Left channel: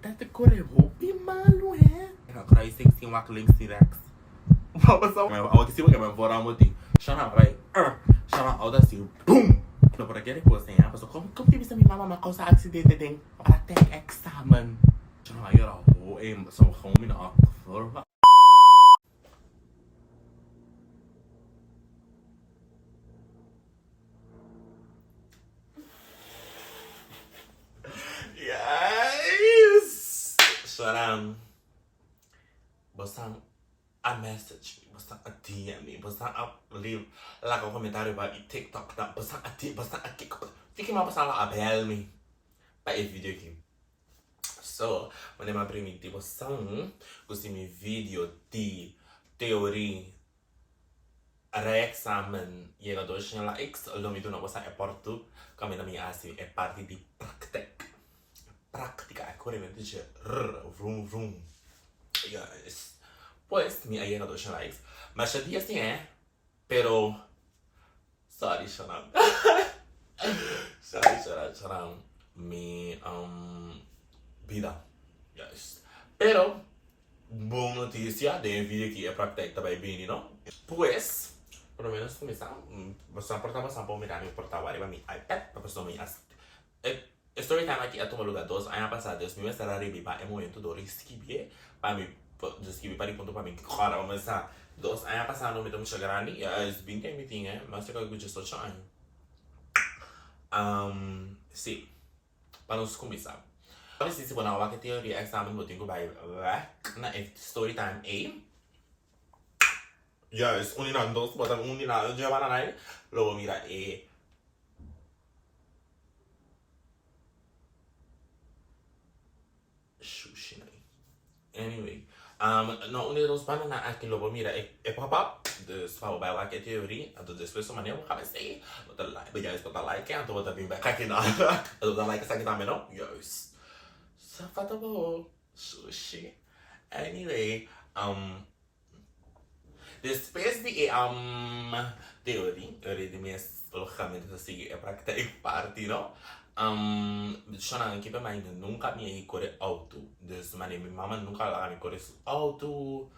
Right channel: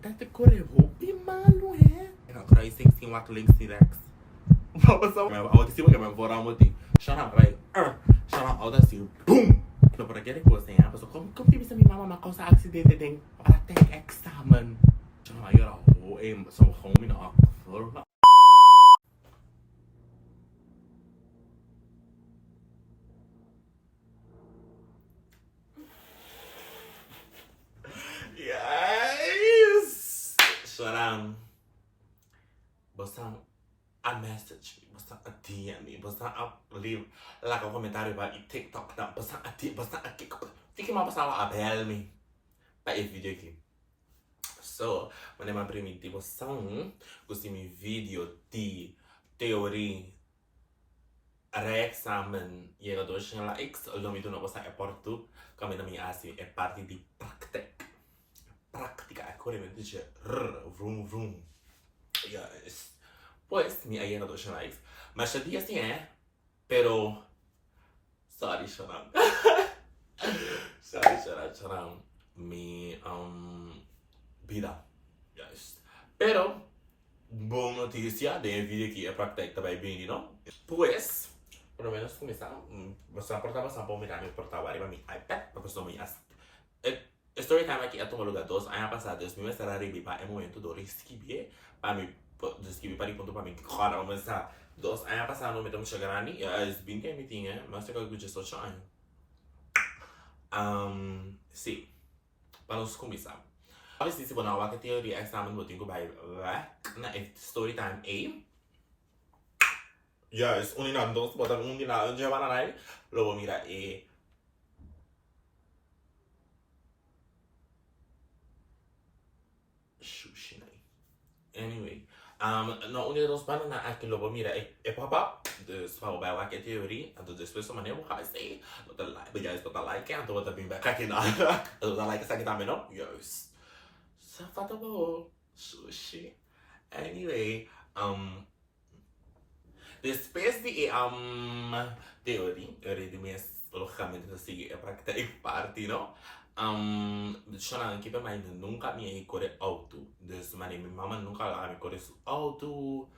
Tá te corre hopi malu é? Cry sexy wak links direct. Vamos ao que se vai embora um motim. Shonnnn vai. Shonnnn Outo assim. Boom. Não por aquele coisa, hein? Mas como tive essa minha mama causa acidente tem para ter Èksamen. Shonnnn aí era o são home na forma. Yes. Shonnnn. Bosnan a message me, bosnan a DM me, bosnan a leave like a comentário para o TikTok, bosnan a tip, bosnan a kick. Fique mais bosnan lá a bell me para esse vídeo aqui. So, quando eu permiti bosnan, gostei meu vídeo de teoria Èksamen chega dois lá X, o nome do novo é portu, como na minha assim é parte de prática, é corretamente de vroom vroom. Yes. Pues, mi ayer dos likes. Mas el día sí pero sorry, Shonnnn. Shonnnn. Mi vida. Yes. Pero boa notícia, de vídeo que é prática também bem, não? Pues, pelo menos começar, você portava só para mirar meu portal para meu iPad, para pessoa me Storytime aqui é tomar lugar dos anos passados, me será riba é momento do escrever para me escrever para ponto para mim cara vamos lá dos anos passados me tomo chegar ali é bem que me tinha mas eu quero que eu só sim para nós começar a se você não vai ter teoria Èksamen vou ter que vai na Storytime A yes unina dos bota unina já vai na logo mira Anyway, no une dos panos na aqui logo mira é pop-up de se fala vai que teoria então depois só maneira vou sei bota like beijar isso bota like então bota bem back aqui na bota like essa aqui também não yes só falta bom sushi anyway depois de teoria de minhas logicamente assim é para que tem parte não Shonnnn que para mim nunca me corre auto desde minha mama nunca lá me corre auto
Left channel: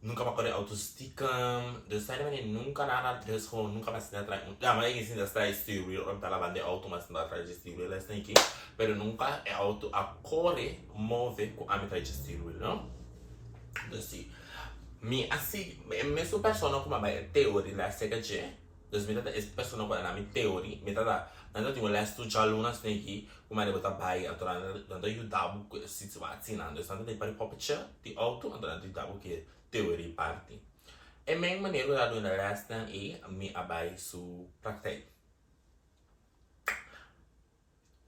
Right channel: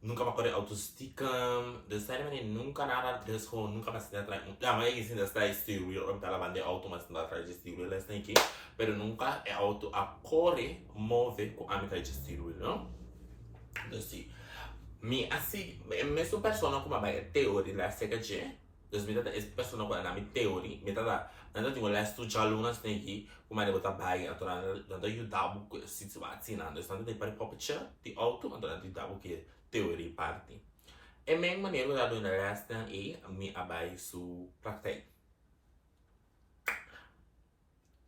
nunca me corre auto stickam desde aí nunca nada desde como nunca me senti atrás mas é assim desde aí steering eu tá lavando auto mas não atrás de steering lá tem aqui pero nunca é auto a corre move com a metade de steering não assim me assim me super sono como vai teoria lá seca de desde me essa pessoa não vai na minha teoria me tá nanti tinggal les tu jalunas neki kuma ada bota bayi atau nanti you dabu ke situasi nanti nanti dari popcha di auto atau nanti dabu ke teori parti emang maneiro da do les dan mi abai su praktek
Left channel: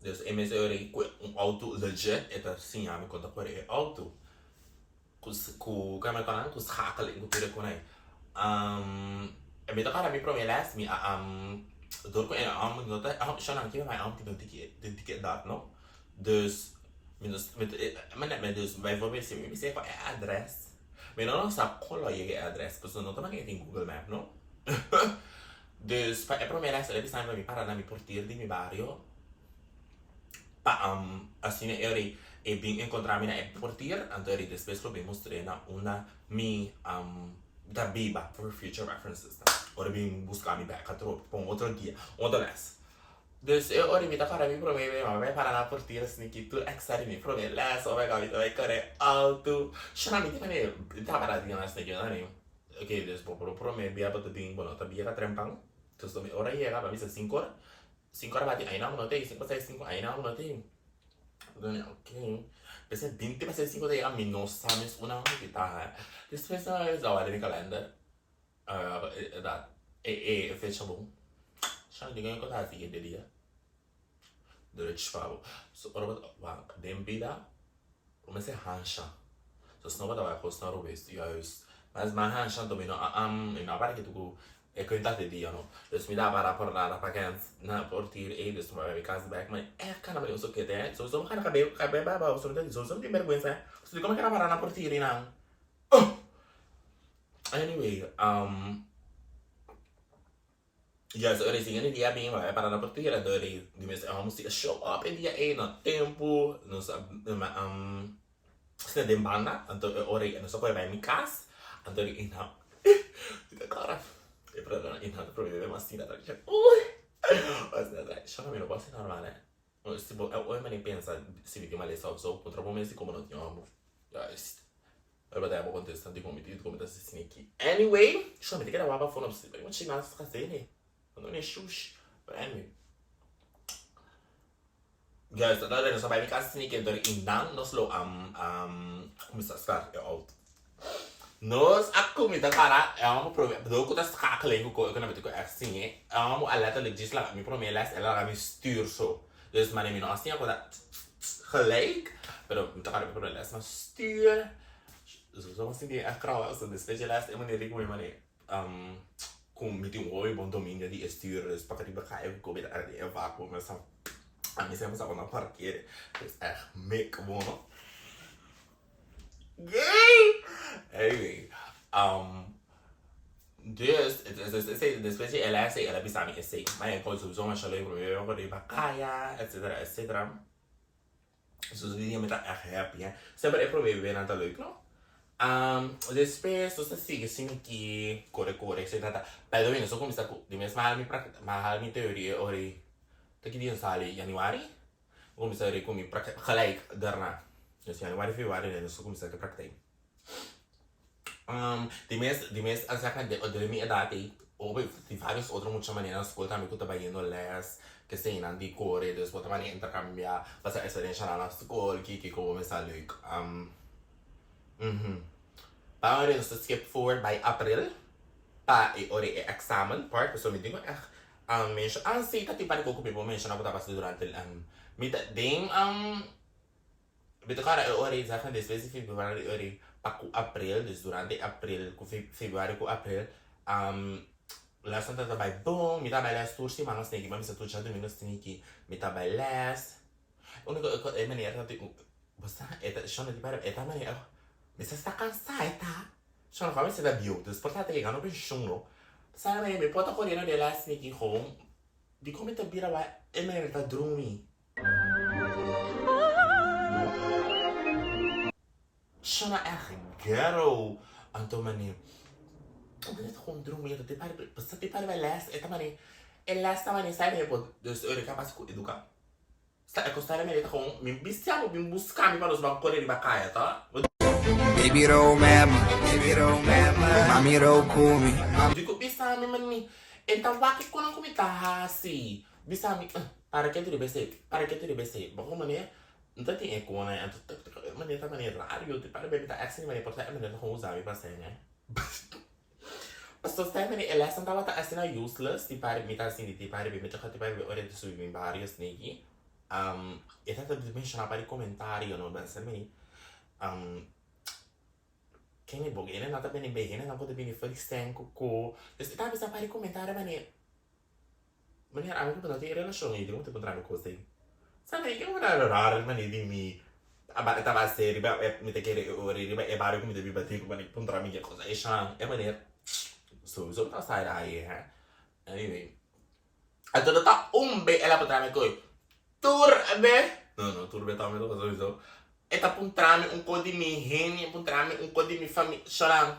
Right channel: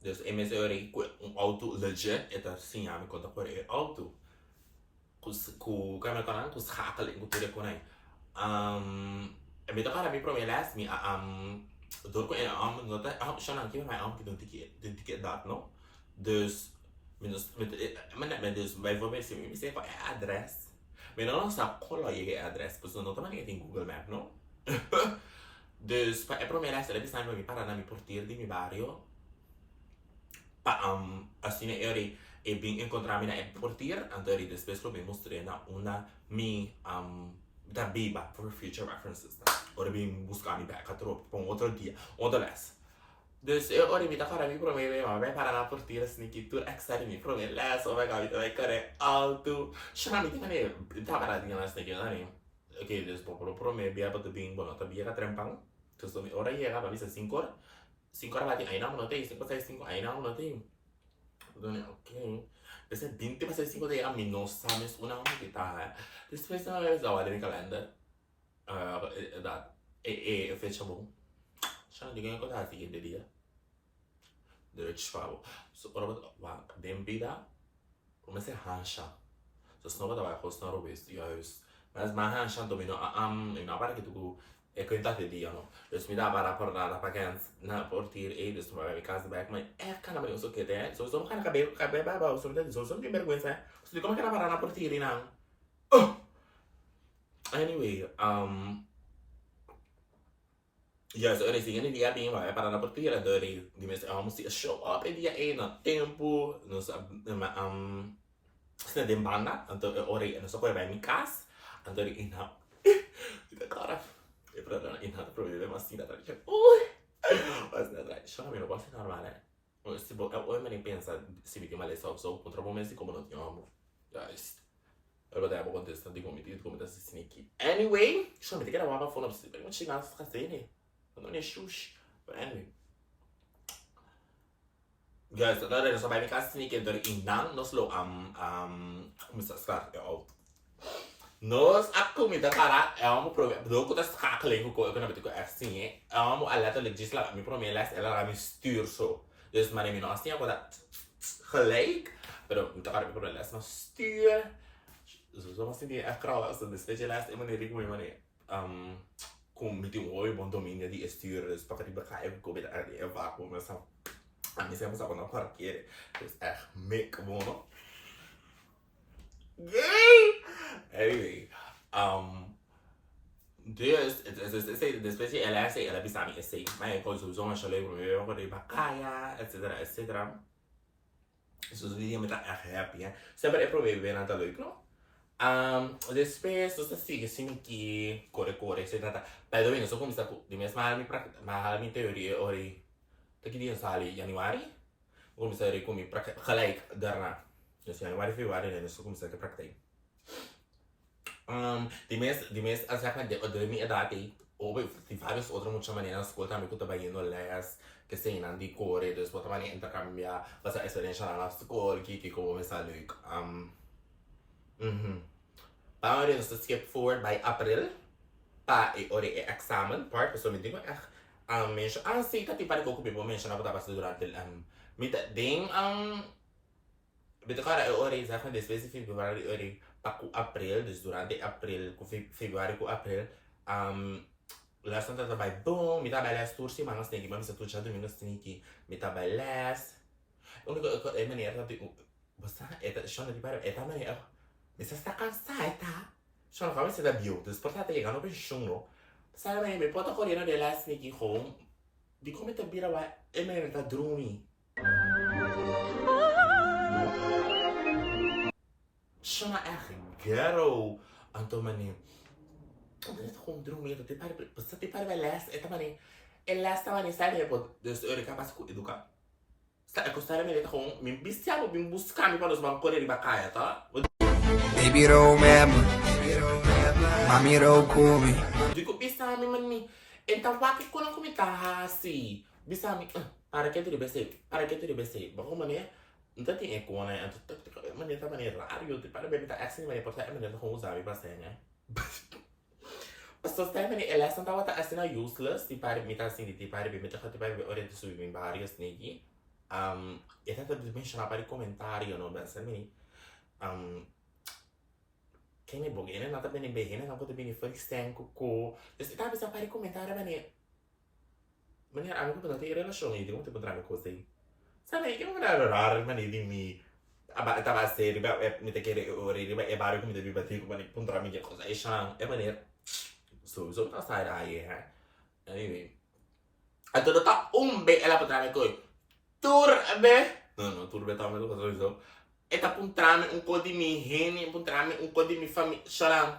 dus ms teori auto legit eta sim a me conta por auto ku kama kanan ku sakal ku tire ko nai me toca mi promelas mi door ko nota Shonnnn que vai que den ticket dat no dus met dus bijvoorbeeld me zeg van adres maar dan sa color je adres dus dan nota maar in Google Map no dus pa promera se le sempre mi para na mi portier di mi barrio pa assim eu e bem encontrar minha portier então ele depois eu bem mostrei na uma mi da biba for future references ora bem buscar me back para outro dia outra les dus ora me tá cara me promete vai para na portier assim que tu extra me promete les ou vai correr alto chama me também tá para dia nas que não ok dus promete bia para bem bom tá bia trempang terus me ora ia para bisa 5 horas bati aí não tem 5 6 5 aí não tem então ok Pesa 20 pas 5 de a mim não sabes uma que tá depois eu olho no calendário da fecha bom já ninguém conta assim de dia durante falo so ora va dem vida comecei haña so se não vai costar o best mas haña também não para que tu é quantidade de dia não dus me dá para por nada para quem na portir dus vai casa back mas cara mas eu que tem so só cara cabelo baba so tem so tem vergonha so como que era para na portir não anyway Yes, ora sim, ele dia bem, vai parar na porteira, adorei. Dimens, vamos show up em dia aí, no tempo, nos, se den banda, então ora, não só vai me casa, então ina, cara, e para ina problema assim, da gente, ui, mas nada, só me não posso normal, né? Se eu me nem pensa se me mal só contra o momento como não tinha amor, guys. Eu vou dar uma contestação de como tá se sneaky. Anyway, chama de que era uma fona, você vai continuar a fazer, né? Não é xuxa, but anyway. Guys, agora nós vai me casa sneaky, então indang nós lo começar a estar é alto. Nós a comida cara é uma problema, do que das cackling ko eu não vou assim, é uma aleta legis lá, me promete ela vai me stuur so. Dus maar neem je assim agora gelijk, pero me tocar por ela, mas stuur. Zo assim die echt krauw, als de specialist in manier ik moet manier com met die mooi bom domínio de stuur, dus para die begrijpen kom je daar die vacuüm, mas a mim sempre estava na parqueira, dus echt mek bom. Gay! Anyway, dus, después ela sei, ela bisa mi sei, mas é coisa sowieso mas alleen voor je de bacaya, etc, etc. Dus die dingen met dat echt happy, hè. Sempre é probeer weer aan te leuk, no? Depois, tu sigue assim que corre, etc. By the way, não sou como está de mesmo mahal mi teorie ori. Taki dia sali Januari, como está ori como gelijk daarna. Dus Januari, Februari, en zo komt het praktijk. Die mes als ik de mi edade, over die vários outros muitas maneiras escuta também que eu trabalhei no les, que sei não de core, dus outra maneira intercambiar, fazer experiência na escola, que como está leuk. Para nós skip forward by April, pa ori examen part, so me digo mention, sei tati para ko kupi po mention ako tapos durante mita ding Bito cara, ori zaken después de Februari ori paku April, dus durante April ku Februari ku April la santa trabalho bom, me trabalha as tursi, mas nós tem que mas tu já domingo tem que me trabalhar. Único é maneira de você é shonnnn de para é maneira. Mas está cansada, tá? Shonnnn como se dá bio, dus portanto é não pensou no. Sabe, me pode correr de lá se que home. De como te vira vai é maneira tá dormir. Shonnnn echt ghetto. Anto mani. Omdat het gewoon dromen, dat die paar bij les, het mani. En les ta mani sai me dus eu capaz de educar. Sta é costare me gewoon, me bistiamo bim buscar me para os bancos de bacaia, tá? Baby roll mama, mami roll kumi. Digo bisa me mani. Então vai que quando come tá assim, bisa me para que tu de bese, bom mani. Então tem eco né, então mani tá mani raro, te para bem tá assim mani porta é mani com usar me passei, né? So stai mani lesson tawa ta asina useless ti pare mita assim ti pare be meta ti pare be ore ti subi in varios negi e tata di mention pare commentario no ben se mani che ne bogene nata bene bene na pote bene fuori stenco co e ta bisa pare commentare mani ami ko pati relazione di come te potrà me così sabe che non era raro mani di mi tava a ser riba mi te chiede ore riba e vario come devi battere mani potrà mi che cosa e mani sowieso tá sair aí, hè? Anyway. Então tá be ela para me coi. Turbe. Não, turbe tá me sowieso. E tá puntrame co di mi reni, puntrame co di mi família chorando.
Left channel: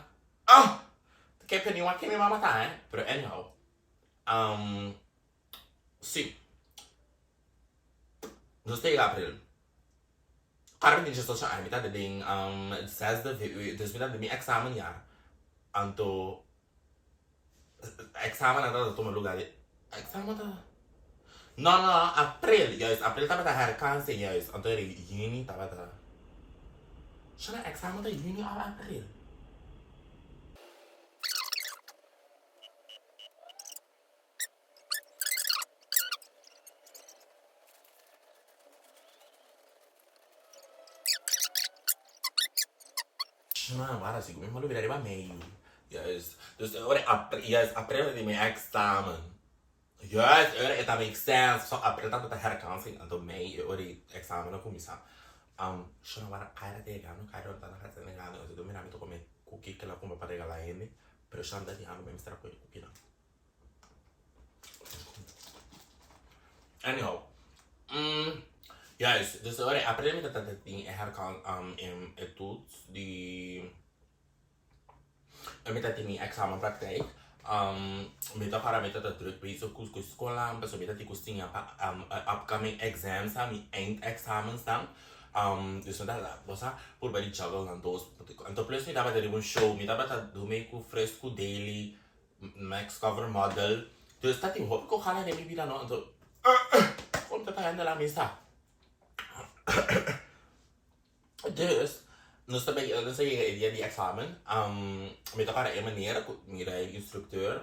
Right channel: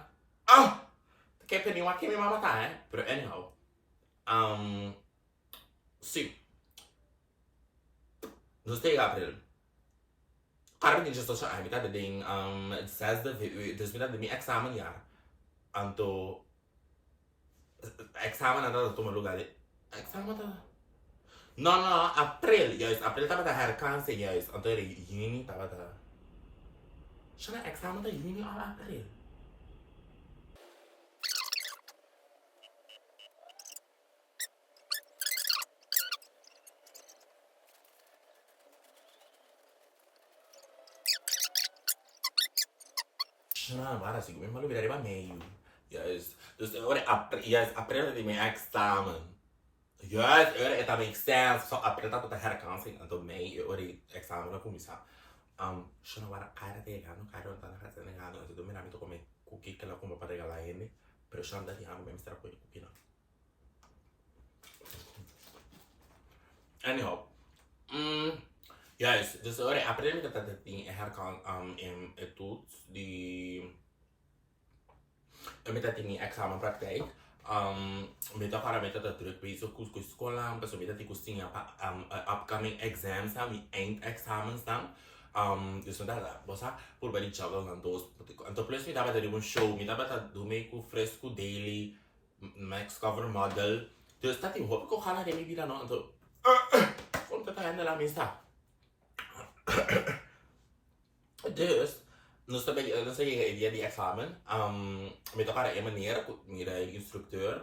Que peni uma que me mama tá, hein? Pero anyhow. Sim. Não sei April. Karena din siya sa metade ding 6 dus metade mi examen jaar. Anto Èksamen ada toma lugar de Èksamen ada no April juist April tava da herkansen juist anto era juni tava da shana Èksamen da juni of April shana wara sigo mesmo lugar era meio juist dus ora April de mijn examen. Juist, het makes sense. So April dat het herkansing en door mei ora examen na começar. Shona wara cara de gano, cara tá na casa de gano, eu domina me to comer cookie que ela come para regalar ele, pero shona da ano mesmo estar com cookie não. Anyhow. Juist, dus ora aprende dat het ding herkan in toets die met dat in examenpraktijk. Met dat gaan met dat druk bezig kus school pas met dat die kus dingen upcoming exams aan eindexamens dan. Dus dat was voor bij die juggle dan doos. En tot plus met dat er een show met dat doe me ku fresco daily max cover model. Dus dat ik hoop ik ook gaan naar de media dan zo. Komt dat aan de la mesa. Dus, dan sta je die examen. Met elkaar een manier, met de instructeur.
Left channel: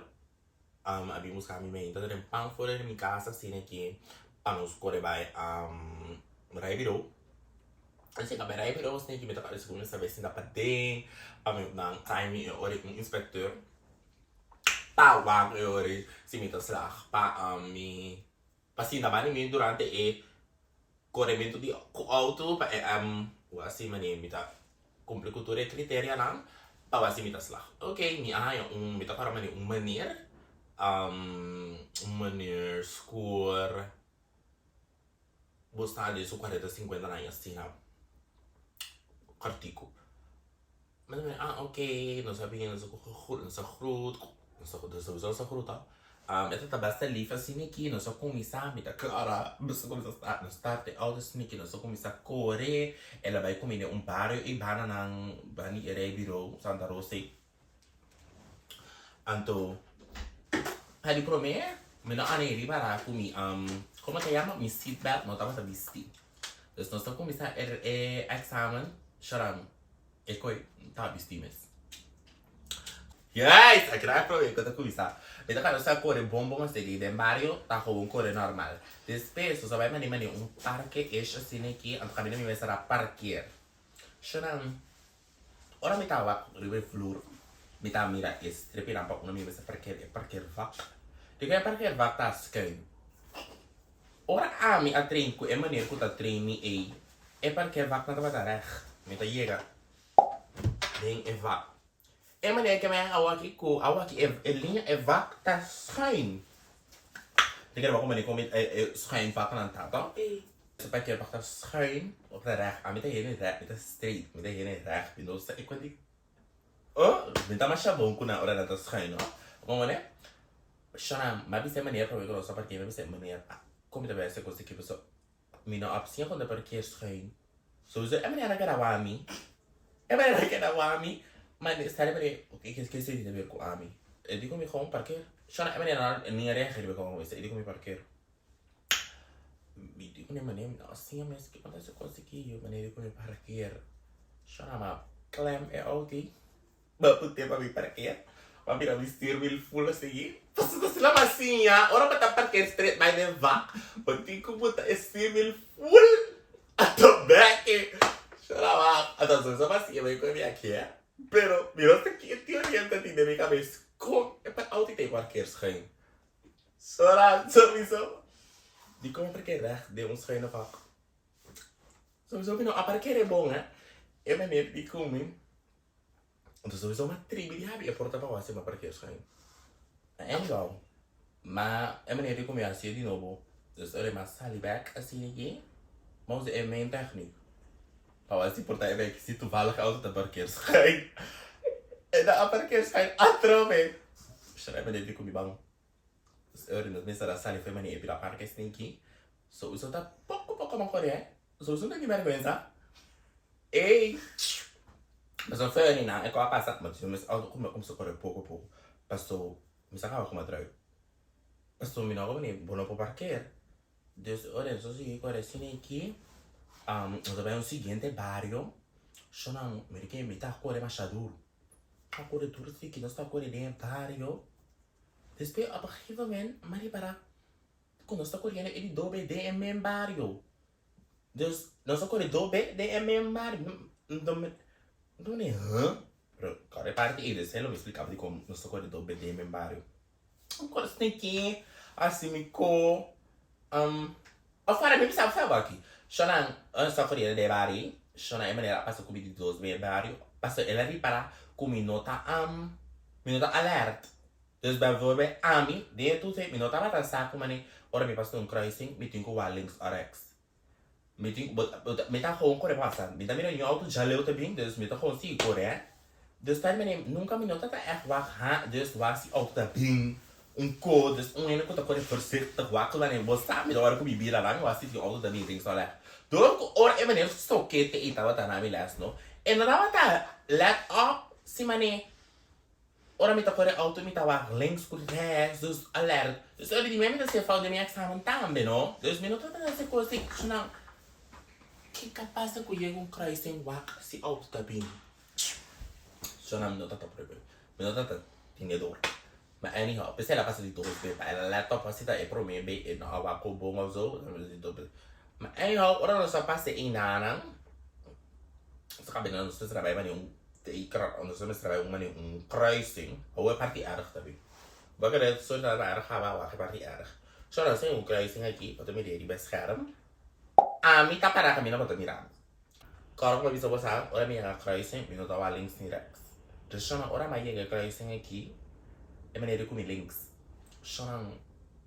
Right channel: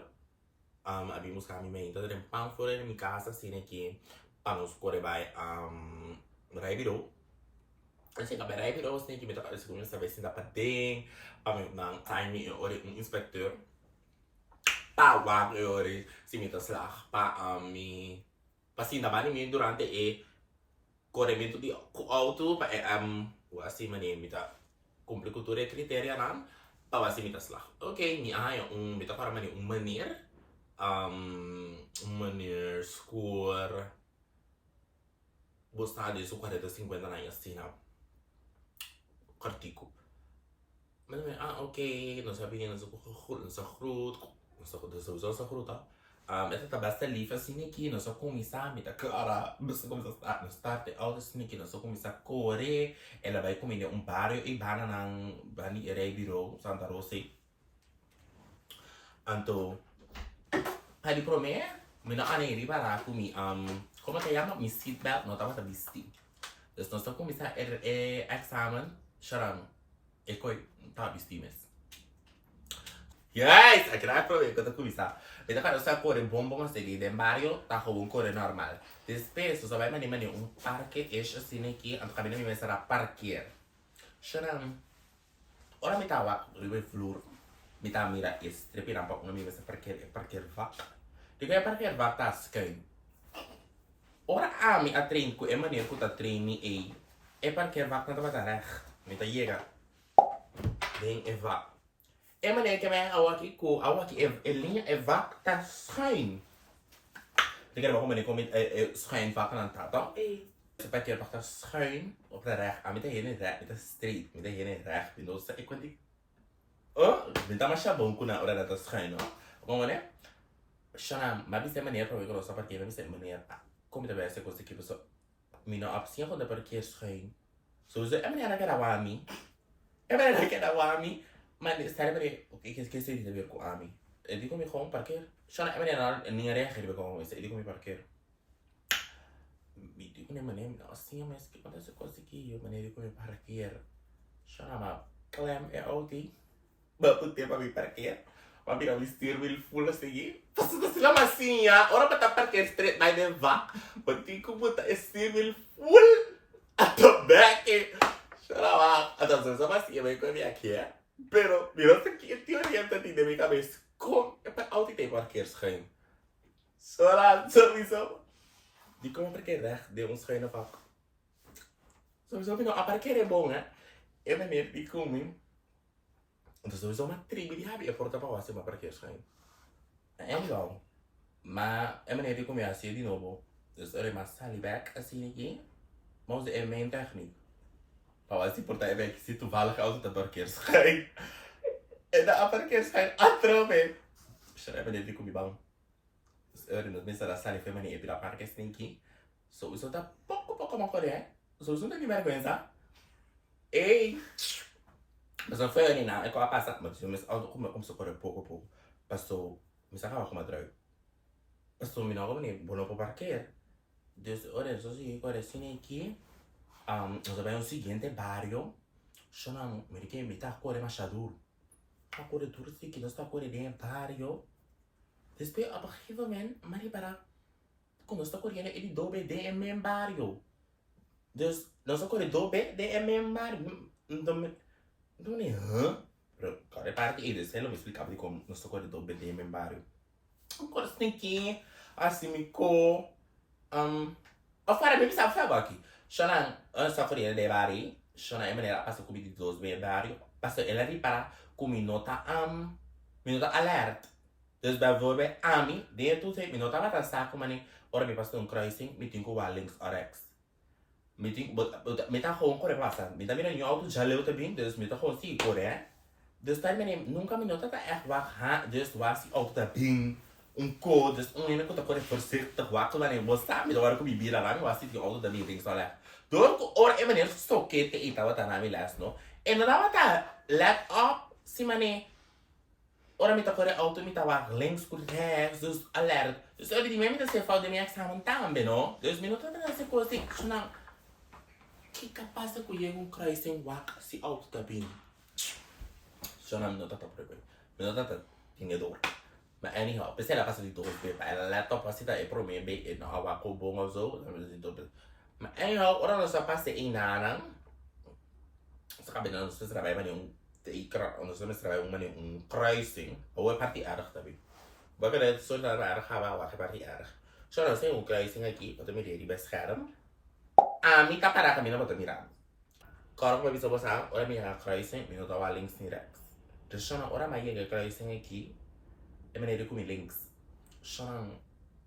Abi moest gaan mee. Dat er een pan voor in mijn casa zien ik panos scoren bij rijbureau. En zeg bij rijbureau snij je met elkaar dus gewoon eens zien dat ding. Dan ga je mee een inspecteur. Pa wag ori si met de slag. Pa pasin dat bani mee durante corremento di auto pa wasi manier met dat complicature criteria nan pa wasi met de slag. Oké, mi met elkaar manier meneer score bosnan de su 40-50 na assim artigo. Mas oké, dan sabi niya nasa groot, sowieso sa groot ha. Ito ta basta lief assim aqui, nós só começar a cara, basta começar a start de auto assim nós só começar a correr, ela vai comer barrio e banana bani rijbureau Santa Rosa. Então ali pro me não ane riba ra kumi como se chama mi seatbelt não tava vestir. Dus nós só começar examen, chorando. E coi tá vestir mesmo. Yes, ik raak probeer ik te começar. Weet je, nós só correr bombom assim de barrio, tá gewoon correr normal. Depois só vai mandar parque assim aqui, então caminho me será parquear. Chorando. Ora me tava riba vloer. Me tava mira strepe nampak me me parquear vak. Diga parquear vak tá skin. Ora ami a trein ku manier ku ta trein mi parquear vak na tá recht. Me tá chega. Ding vak. Manier que mij awaki linha vak tá schuin. Diga maar kom met schuin vak aan tata. Ze parquear vak tá schuin op de recht. Ami tá heen recht, met straight, met heen recht. Bino sa ik kwenti. Me tá mais chabão ku na ora tá schuin, no. Como né? Shonnnn, mas bisa manier para eu só parquear, bisa manier. Como deve ser coisa que você me não opção quando parquear schuin. Sowieso manier que era wami. Manier que era wami. Maar stel je ik esqueci de ver com a mim. Eu digo me gewoon parquear. Shonnnn, é maneira nem reagir be com isso. Eu digo me parquear. Me digo nem maneira, assim mas que quando você conseguir, eu maneira de me parquear. Shonnnn, mas clam é outi. Bapu tempo me parquear. Mas mira vestir wil full assim. Passou assim lá massinha. Ora para parquear straight by the vac. Mas digo puta vestir wil full. Ato back. Shonnnn, então só massinha vai com minha aqui. Pero, mira que teoria está de minha cabeça. Como é para auto ter parquear schuin? Sowieso. Die komen parquear recht, de ons schuine vak. Sowieso, a parquear é bom, né? É maneiro de kumi. Então, sowieso uma tribo de habi, é porta para você, uma parquear schuin. É igual. Mas, é maneiro de comer assim de novo. Dus, er is sally back assim aqui. Mas é mijn techniek. Para você portar é que se tu vai lá auto tá parquear schuin. É da parquear schuin atrome. Será maneiro de comer bom. Er is meestal dat sally foi maneiro para parquear assim aqui. Sowieso tá pouco mais correr. Sowieso não tem vergonha. Ei! Mas não foi não, é que eu passar, mas eu começo a correr pouco. Passou, me sacava como atrás. Passou me não nem bom para parquear. Deus, olha, só se correr assim aqui. Nós vamos ao seguinte barrio. Shonnnn, me que me tá correr machaduro. A correr tudo assim que nós tá correr dentro barrio. Depois a partir do momento, mas para quando nós tá correndo ele dobe de em barrio. Deus, nós tá correndo dobe de em barrio. Não é Pero, cara, parte eles, ele me explicava de como nós tá correndo dobe de em barrio. Agora você tem que assim me co fora me sabe aqui. Shonnnn, só correndo de barrio. Shonnnn é maneira passa comigo de dois bem barrio. Passa ele ali para com minuta alert. Dus bijvoorbeeld, Ami, die toen zei, minota wat aan zaken, maar ora me pas een kruising, met een links of rechts. Met een gewoon corre passen. Met een je auto jaleo te bing, dus met een gewoon zie corre. Dus daar ben ik, nunca minota ta echt wacht, ha, dus was die auto te bing. Code, dus ene ko ta corre voorzichtig wachten, wanneer we staan, met waar kom je bier lang, was die auto te bing, links of rechts. Door ora en meneer stokke te eten wat aan mij les, no. En dan wat let op, si mane. Ora me corre auto me tava links por rechts, dus alert. Dus eu diria mesmo que você de minha examen Tambe, no? Dus me nota para essa coisa que não. Que capaz de colher kruising wak si auto tá bem. Shonnnn me nota tá por aí. Me nota tá tinha dor. Mas anyhow, pensei lá passa de dor, ela laptop assim tá é pro mim bem, não há wak bom ou zo, mas anyhow, ora nós só passei em nana. Só cabe não se trabalha mas nós vamos trabalhar kruising, hoe party erg também. Baga dat soort van erg gaan we wachten party erg. Zo dan zijn we kruising aqui, wat me die bescherm. Mi tá para caminhar para mirar. Coloca para visão você, ora minha kruising, me nota links nem rechts. Dus zo dan ora mais kruising aqui, é maneira com links. Zo dan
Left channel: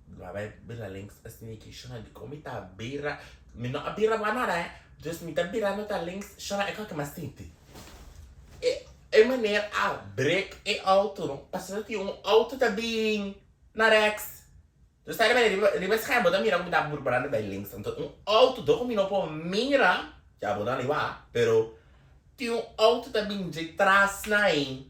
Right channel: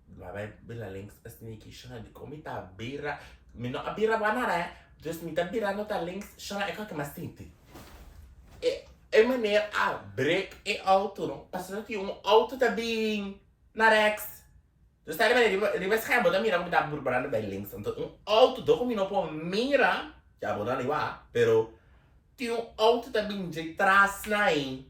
vai bela links assim aqui, zo dan como tá bira, me não a bira banana, dus me tá bira nota links, zo dan é que mais tinte. É maneira a break e auto, não? Passando que auto tá bem na rechts. Dus daar ben je waarschijnlijk dan mira como dá burburando bij links. Então auto do como não pô mira, já vou dar ali lá, pero tem auto tá bem de trás na aí.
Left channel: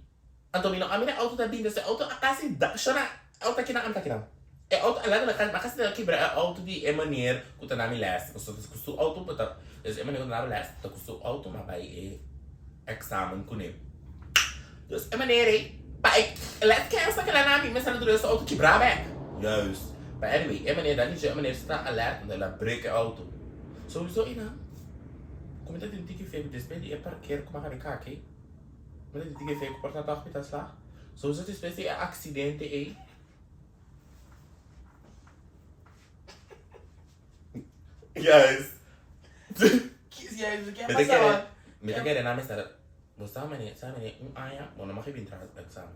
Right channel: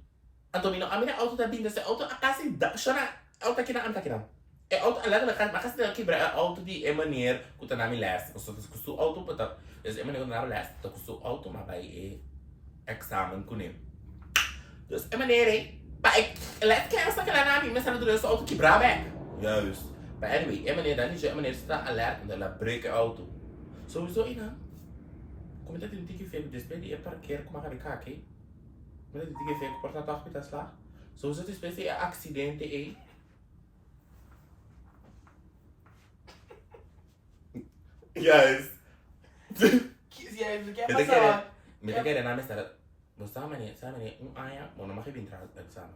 Então a minha auto tá bem desse auto a casa da, chama auto aqui na anta aqui não. É auto lá na casa, mas casa daqui bra auto de é maneira que tá na minha leste. Custo auto para, é maneira que na leste, tá custo auto mas vai examen com ele. Dus é maneira aí, pai, let que essa que lá na minha sala do auto que brava é. Juist. But anyway, é maneira dan é maneira está alert de la break auto. Sowieso ina. Como tá tendo que feio despede é parqueiro como a cá, ok? Mas tem que feio porta toque tá lá. Sowieso despede é acidente aí. Yes. Me te quer na mesa. Você sabe haña, não me vem entrar examen.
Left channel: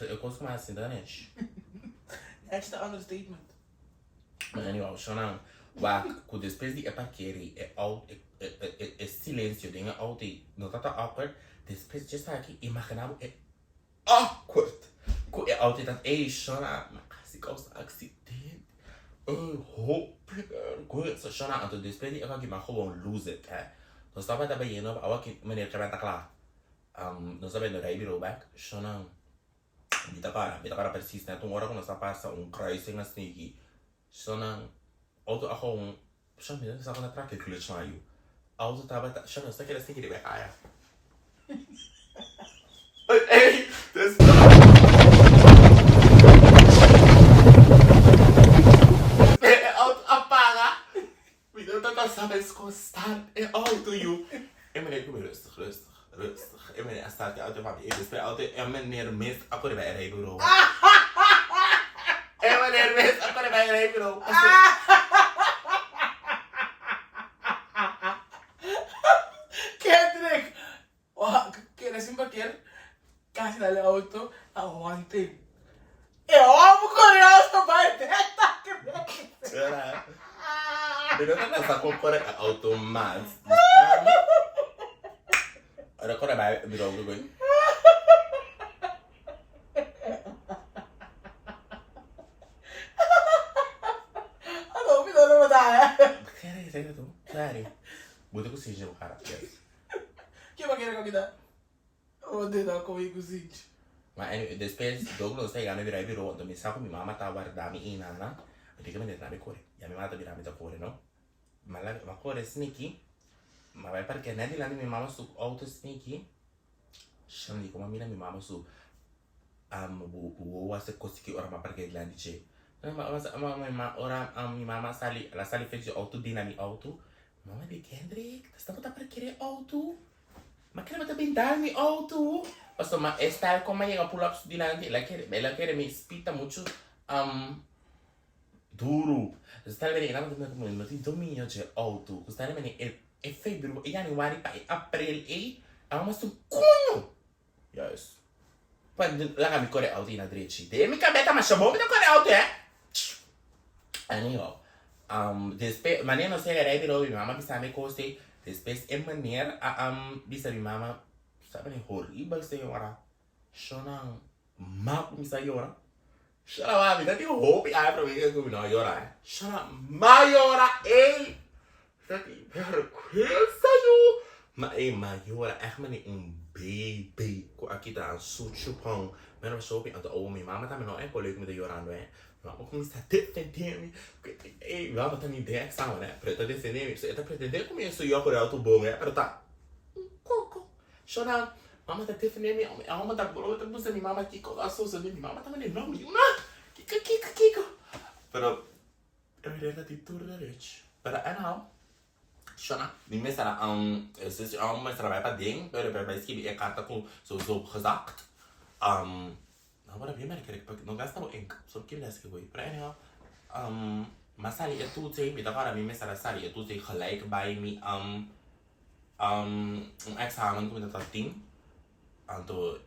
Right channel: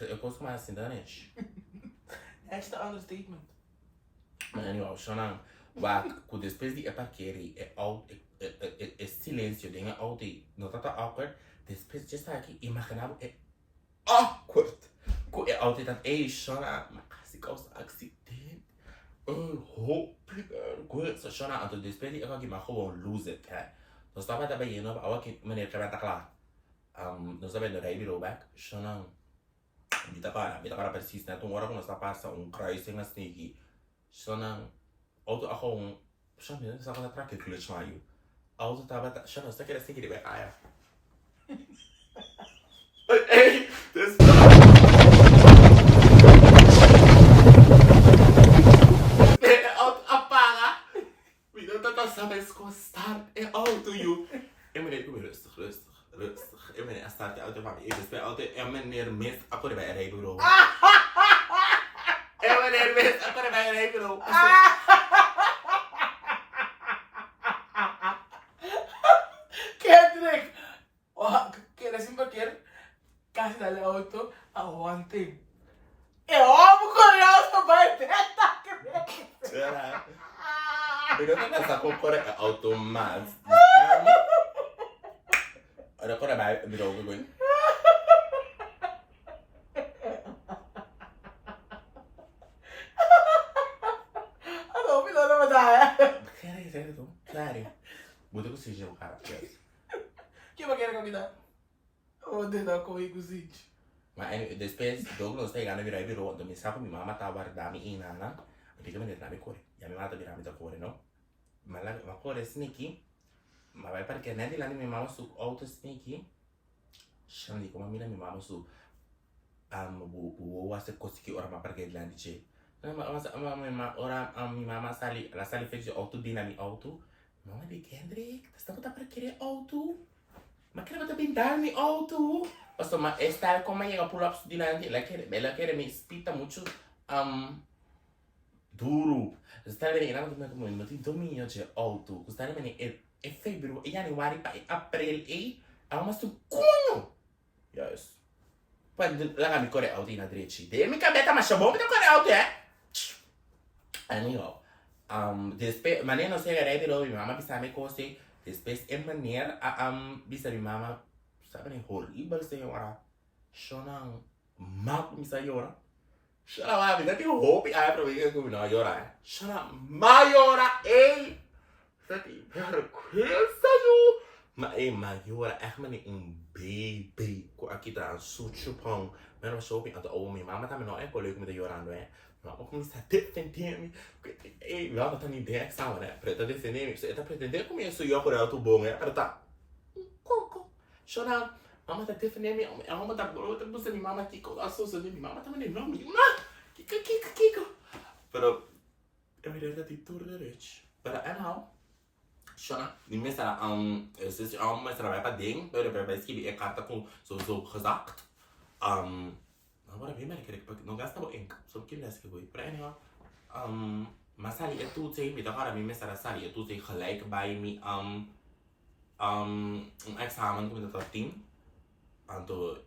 Eu consigo mais assim, danes. That's the understatement. Maar anyhow, shonnnn, waar ku después de parqueira é silêncio, dingen auto, não tá awkward, después de estar aqui, imaginava é awkward. Ku é auto dat shonnnn, mas quase causa acidente. Hopi, goed, so shonnnn, então después de aqui, mas gewoon lose it, hè. Nós estava também indo, aqui, meneer que vai estar lá. Nós estava indo daí virou back, shonnnn. Bita para precies net toen we ons passen kruising als sneaky. Zo'n auto gewoon, zo'n mensen zeggen dat trek ik glitch naar je. Auto tabat, zo'n stukje dat sneaky erbij ga ja. Hey, dus. Auto apaga. Wie dat dat sabes constar é auto you. E meneer, kom rustig. Rustig. Eu meneer, staat de auto van me. Dus bij auto, en meneer mist, akkoord bij rijbureau. En meneer mist, akkoord bij rijbureau. Kendrick! Quer assim bater? Casi dale auto, aguante. Eu amo quando eu auto bate. Pero não nessa compra auto mais. Ada kau dah baik biro ke gue? Halo, bisa nama saya. Sério, tu? Sério. Butuh ku sih jauh cara. Coba kira kau kita. Oh, dia dah kau ikut sih. Mas anyway, depois Douglas está chegando virar biro, então me saco minha mama tá guardando aí nana. Eu digo que me dá me corre. Já me mata virar me dá corre, não? Mas lá, mas corre sneaky. Mas vai para que nem de lá minha mama su auto sneaky. Shandi como a mina minha mama su o ase conseguir ora ma para que lá de che. Mas ora minha mama sali, ela sali fez auto dinami auto. Mama de Kendrick, tá estando para querer auto. Mas quer bater pintar mi auto. Pastor, mas esta como llega pull ups dilante, ela quer me espita muito duro. Está bem, ela não como não tem domínio de auto. Está bem, é fevereiro, é januário, para abril, é uma cunho. Yes. lá kami corre auto na direita. De mi cabeta mas chamou me corre auto anyhow. Después maneira não sei era de minha mama bisa me coste. Después maneira bisa minha mama sabe nem horrível senhora. Shonnnn map me senhora. Shonnnn ma vida tem hopi aí para ver que não llora. Shonnnn maiora ei. Sabe vergüenza yo. Maar jora, echt maar niet baby. Aqui tá een soetjepang. Maar dan shopping aan de oude mijn mama tá me nou echt leuk met de jora aan doen. Maar ook como está defendendo. Ei, lá tá me dando examen, né? Preta defendendo. Você tá pretendendo como isso eu por alto bom, né? Para tá. Coco. Shonnnn, mama tá defendendo. A mama tá brota, você minha mama aqui com a souza de minha mama tá me não me. Kiko. Pero eu me lembro de tudo direito. Pero não. Shonnnn, die mensen het is allemaal mensen bij het ding, bij schrijven ik had dat zo gezegd. Maar wat heb je merkt ik nog gasta ink, zo kinderen gewoon. Maar maar sali het doet ze, met elkaar met mensen sali het doet ze gelijk bij me examen kom dat 10. Anto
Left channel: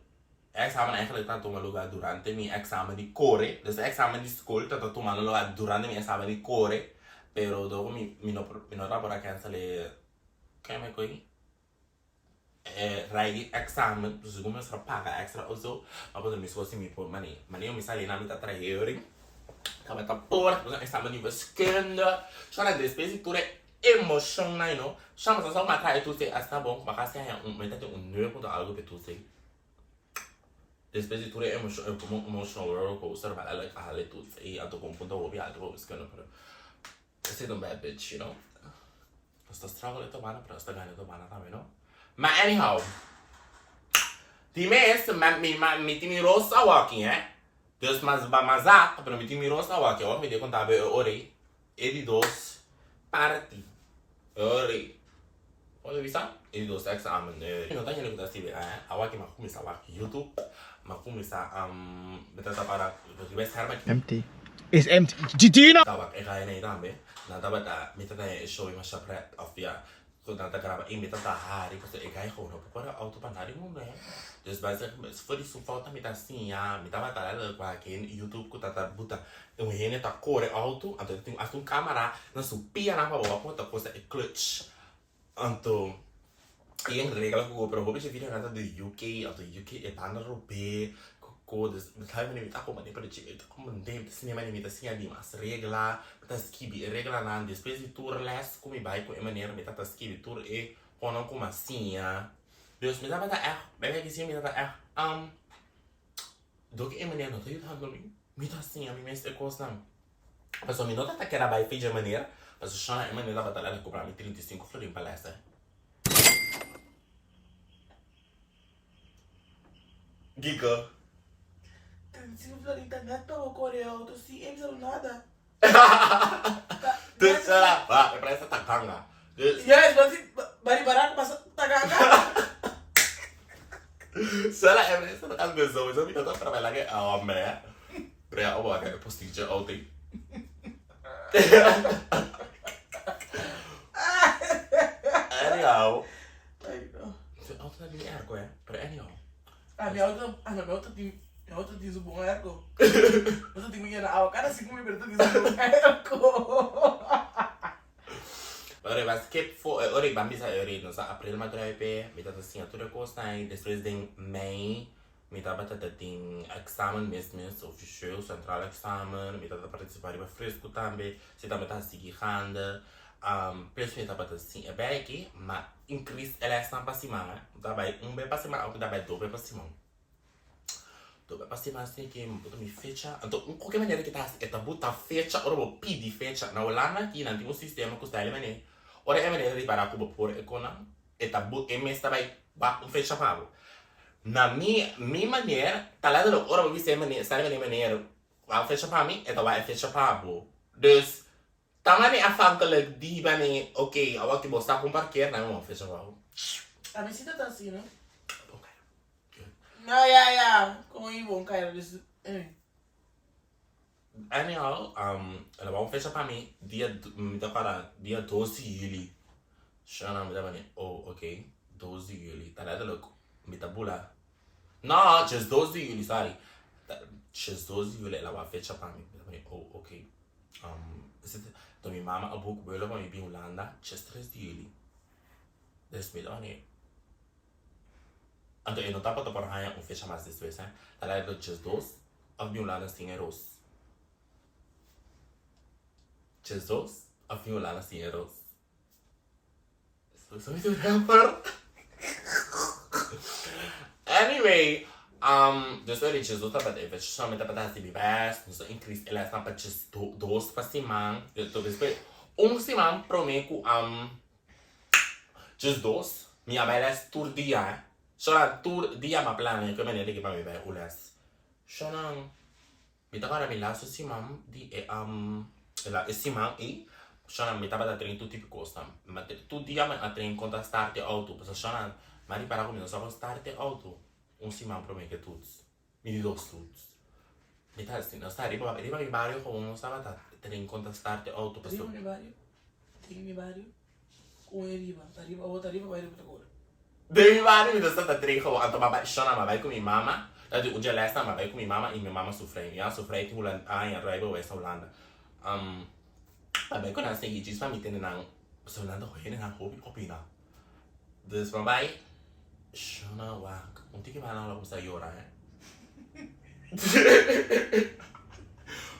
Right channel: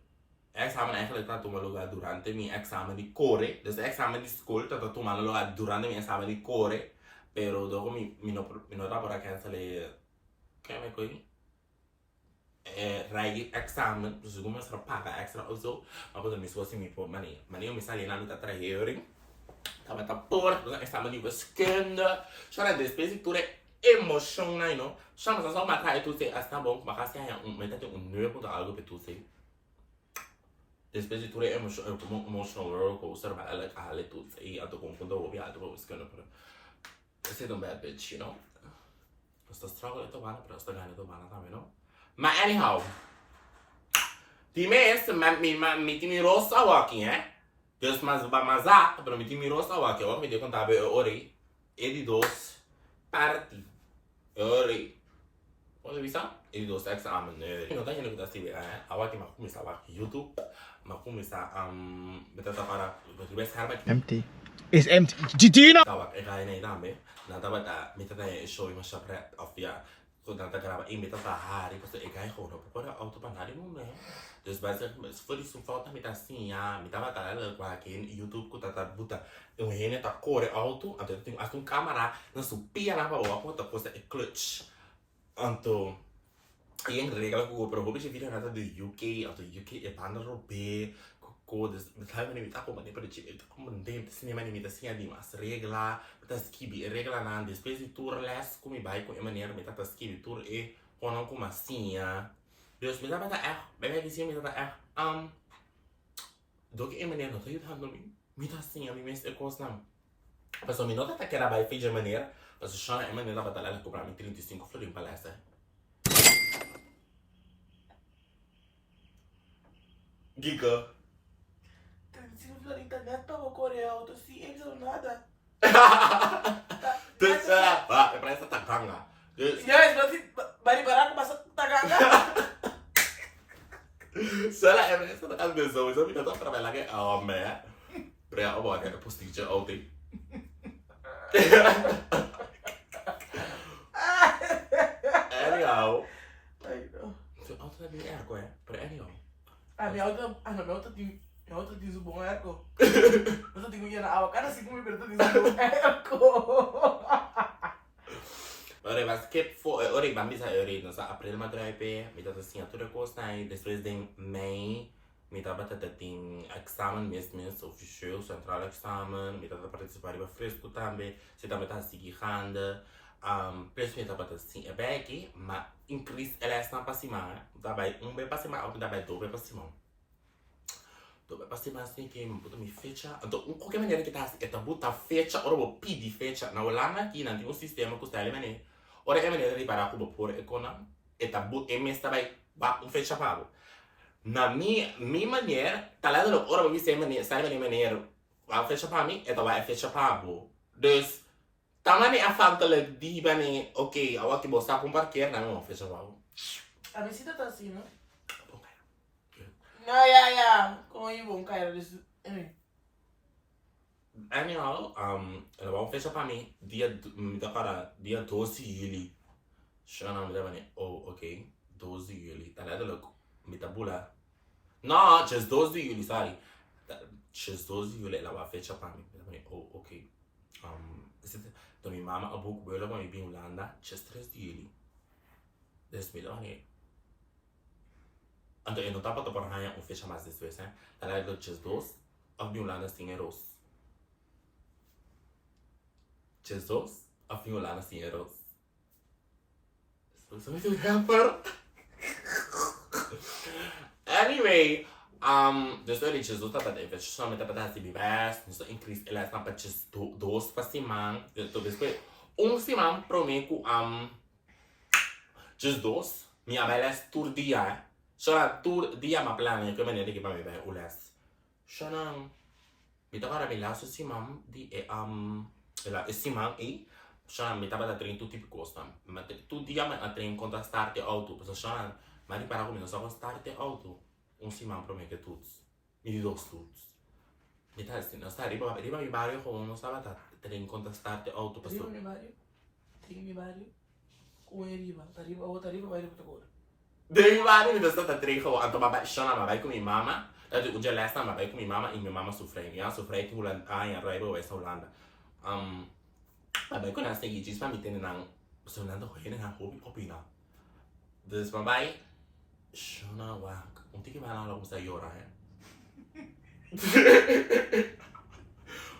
examen eigenlijk dat toen we lopen durante mijn examen die core, dus de examen die school dat toen we lopen durante mijn examen die core. Pero dopo mi nota para cancellare che me coi rai examen, dus come sarà paga extra o zo, ma quando mi sposi mi po mani io mi sali in ambito a 3 euro. Tava ta por, do examen di wiskunde. Sono le spese pure emotional, no? Chama só uma trai tu sei asta bom, mas assim é metade nerd ponto algo per tu sei. Despese pure emotional roller coaster, ma la cale tu sei, alto con punto ovvio, alto wiskunde però. Você é um bad bitch, you know? Você está struggle to bana, pero está ganhando to bana também, não? Mas anyhow, die mensen met die rosa walking, Dus mas pero met die rosa walking, hoor, met die conta bij ori, edi dos party, ori. Olha visa? Edi dos examen, ori. Não tem nada que dar awaki mas começar a YouTube, mas começar betul para best harma. Empty. Is empty. Gina! Tawag e kaya na itambe. Natabata, mitata show yung syapret of ya. Kung natagraba, mitata hari, basta e kaya ko, no? Para auto panari mo na. Dus basta, for die foto mitasinha, mitata lalo kwa akin, YouTube ko tatabuta. Yung hene ta core auto, anto ting asung camera, na supia na pa bawa ko tapos e clutch. Anto, yung regla ko, pero hobi siya video nata do UK, anto UK e panarobe. Coisas, mas aí me tá como nem para ti, tá como nem tá cinema nem tá assim ali, mas regla, tá skibi, regla não, depois de tour less, como vai com a maneira, me tá skibi tour e quando como assim, Deus me dá para bem que sim me dá do que a maneira não tô ajudando me tá assim, a mim mesmo é coisa não. Mas o me nota que era vai feijão de maneira, mas o chão é maneira para dar comprar me 35 florim palestra. Giga. Se usa a internet para correr auto, se eles não nada. Dus é para essa tacanga. Yes, mas vai parar com essa tagaga. Sala é para essa tacanga, mas eu me tô trabalhando que é para eu vou até postinho auto. Anyhow. Auto é bem ergo, para anyhow. Meu auto diz o bom ergo. Eu tenho que ir na água, cada 5 minutos diz o bom ergo. Ora, mas que foi, ora, vamos a ora, nós april mas drive, me dá assim a toda coisa aí, depois de May, me dá batata tem examen mesmo, oficial, central examen, me dá participar de fresco também, se também tá seguindo, preço me dá batata assim, é bem aqui, mas increase ela está para cima, dá bem bem para cima, ou dá bem dois para cima. Dobe pasti assim que me fecha, então qualquer maneira que tá assim, é botar fecha, ora vou pedir fecha, na olhada aqui não tem um sistema que está ali mané, ora é maneira de parar com por econom, é tabu, é mesmo também fecha pago. Na minha maneira, tá lá do ora vou ver se é maneira, está ali maneira, vai fecha para mim, é vai fecha pago. Dus também a falta de mané, ok, agora que você com parqueiro, não fecha pago. A minha cita tá assim, não? Não, yeah. Como eu vou cair desse. Anyhow, ela vai fechar para mim dia 12 de julho. Shonnnn me dá ok, 12 de julho. Tá lá de louco, me tá bula. No, dia 12 de julho, sorry. Dia 12 de julho, ela vai fechar pra mim. Eu falei, oh, ok. Então, minha mama, a book, eu levo me bem Holanda, dia 3 de julho. Desmiddag, né? Então, eu não tava para haña fecha mais desse vez, né? Ela é do dia 12, a bem Holanda tem euros. Dia 12, a bem Holanda tem euros. So muito rapper. Anyway, dus er is zo dat het even zo met dat het die bewijs, dus increase ela está para dos para cima, então depois cima prometo just dos, minha bela tour dia, só tour dia ma plano que maneira que para me vai ulas, só não, me tá para me lá cima di ela cima e só não me tá para trein tudo tipo costa, mas tu dia ma trein conta start de auto, só não, mas para comigo só com start de auto. Cima para mim que tudo. Me diz dois tudo. Me tá assim, não está riba mi barrio como não estava tá ter em conta start auto Riba passou. mi barrio. Mi barrio. O é riba. Tá riba, outra riba vai riba agora. De mi barrio me está ter como anto ma vai com minha mama. Dadi um dia lesta ma vai com minha mama e minha mama sofre. Minha sofre que Holanda, em riba vai Holanda. Vai com nós tem diz para me ter na Holanda hoje na hopi na. Dus ma vai shona wak. Unti que vai lá logo sai ora,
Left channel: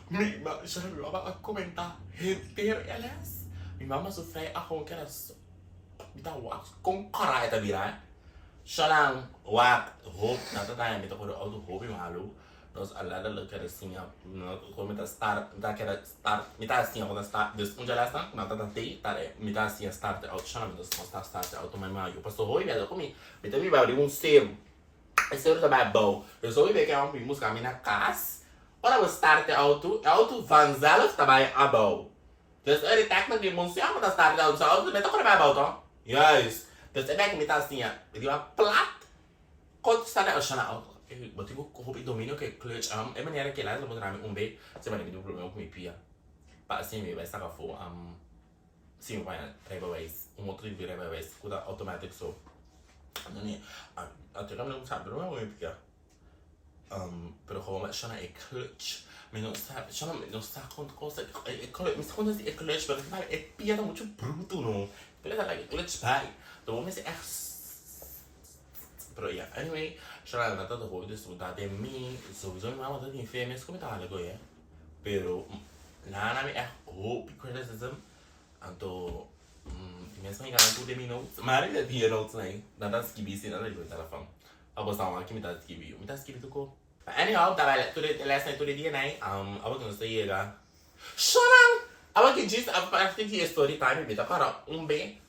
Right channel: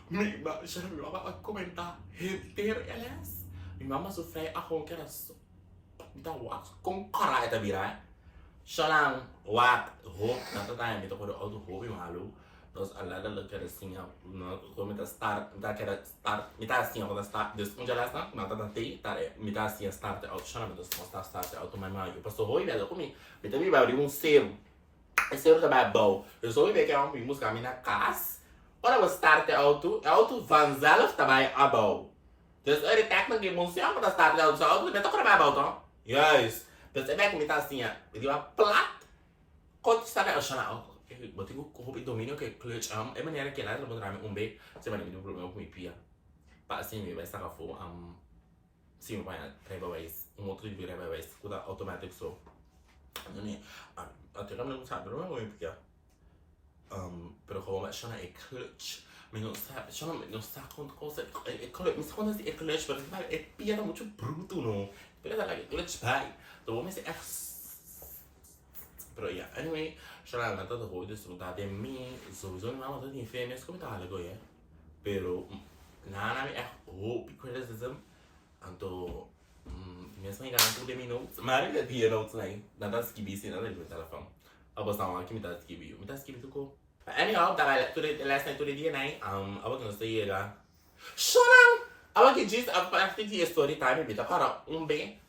minha mama a comentar inteiro elas. Minha mama sofre a com que era me dá wak com cara eta virar. Shona wak hope na tá me tô com o auto hope malu. Nós alada lo que era assim, não como tá start, tá que era start, me tá assim quando start, dus onde ela está, não tá tá me tá assim start auto, shona me dos start auto mas eu passou hoje velho comigo. Me também vai abrir zero. Esse outro também é bom. Eu só vi que é música na casa. Ora, vou start auto vanzelf também é bom. Dus er is technisch die moet zeggen dat start auto zo. Dus ben toch erbij bouwt hoor. Juist. Dus ik ben met dat zien. Die was plat. Kort start auto na auto. Wat ik hoop ik domino que clutch é maneira que lá eu vou dar um B. Você vai me dar problema com minha pia. Para assim me vai estar com fo sim vai riba ways. Outro de riba ways. Cuida automatic so. Não até que não sabe não é porque pero como é chama é clutch mas não sabe chama não sabe quanto coisa é clutch mas quando é clutch mas vai é piada muito bruto não piada lá é clutch vai então vamos é pero yeah anyway chama na toda coisa desfrutar de mim sowieso não é muito infeliz como tá algo é pero na me é hope criticism então mesmo enganando tudo de minutos mas ele tinha notes aí nada se que se nada de telefone a bosnan aqui me tá escrevendo tu co anyhow da vai tudo last night tudo dia né a boca não sei lá chorando a boca diz a parte de storytime me tá cara B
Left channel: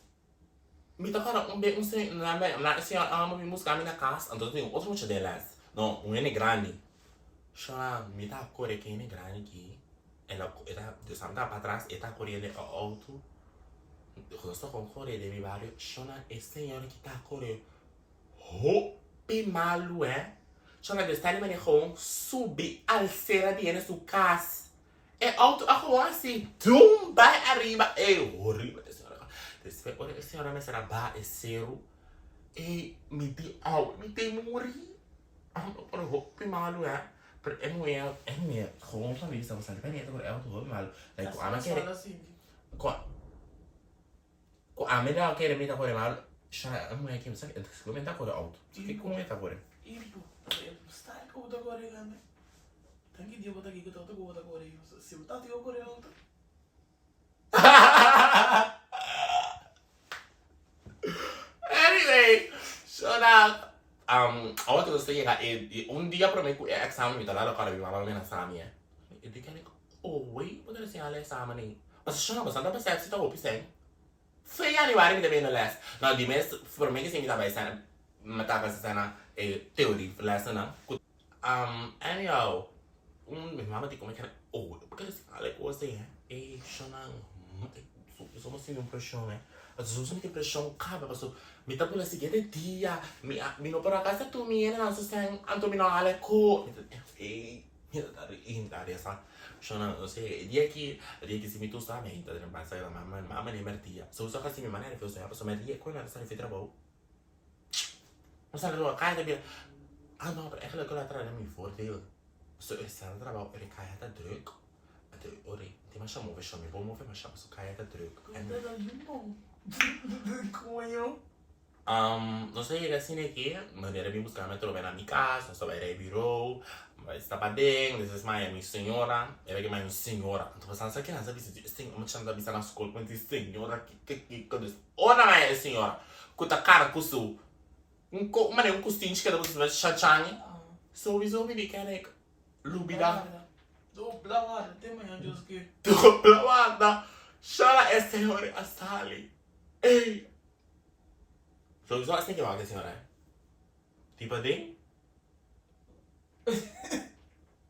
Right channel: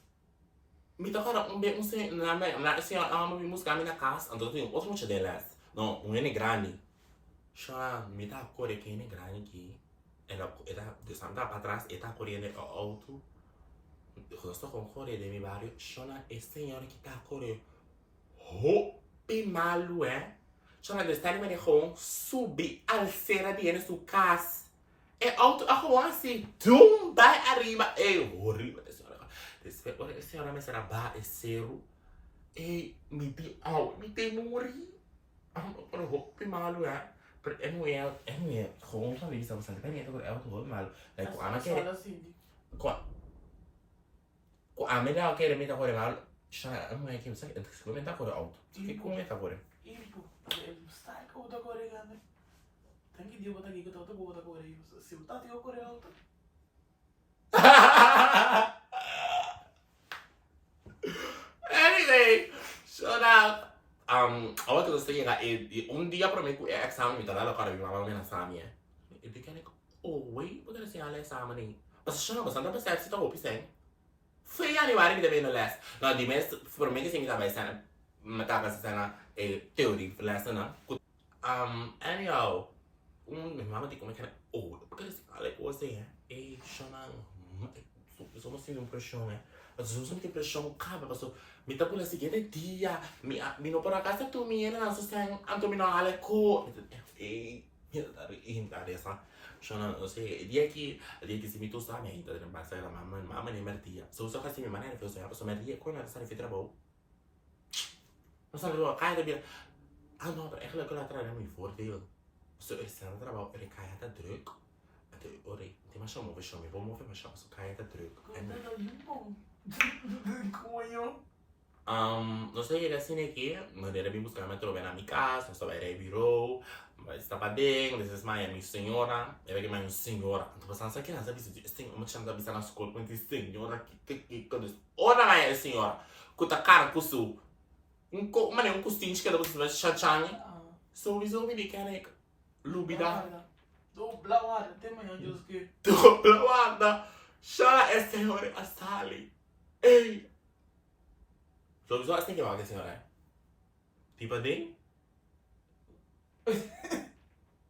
sei na se a mãe música na casa então tem outro monte delas não é grande chorando me tá core que é grande que ela de santa para trás está correndo auto eu estou com core de meu barrio chora esse senhor que tá correndo hopi malu chama de estar me gewoon subir alcera de su casa é auto a gewoon assim tum vai arriba é horrível essa hora essa hora me será ba é zero e me di morri por hopi malu pero é mulher gewoon só isso você não vai entender é auto hopi malu like o ama quer com a melhor quer me tá por mal já é mulher que me sabe comentar por auto que comenta por Ibu, style ko da kore gane. Tangi dia bota aqui que eu tô com da kore. Se eu tá tio kore não tá. Anyway, so now awak tu saya ka dia prometo que examen me tá lá cara me mama me na sami e de que oh wait pode ser ela examen nem mas chama bastante para ser se tá hopi sem foi ali vai que deve no last não de mês prometo que sim tá vai ser mata ka sana teoria lesson na anyhow minha mama tem como é que oh porque assim ela coisa é chonnnn somos sem pressão né as pessoas não têm pressão cara passou me tá por seguinte dia me não por acaso tu me era não sei anto me não ale co me tá interessante chonnnn eu sei dia que se me tu sabe então não passa a mama nem mertia só que assim me maneira que eu sei a pessoa me dia quando ela sai de trabalho mas ela não cai de Ah, não, eigenlijk wil ik er niet voordeel. Zo is het trabajo, ele cai até druk. Até ore, tem mais chamou, vai chamar, vou mover mais chamou, só cai até druk. Como eu? Não sei, ele assim aqui, mas ele vem buscar metro bem na minha casa, só vai ir virou, vai estar para dentro, this is minha senhora, ele é minha senhora. Então você não sabe quem é, sabe se tem uma chance de avisar na escola com essa senhora que ora minha senhora, com a cara com su, mas um costinho que você vai chachang, sowieso wil ik eigenlijk lubida. Dupla water, tem manhã de os que. Dupla water, chora é senhora a sali. Ei. Sowieso assim que vai senhora. Tipo ding.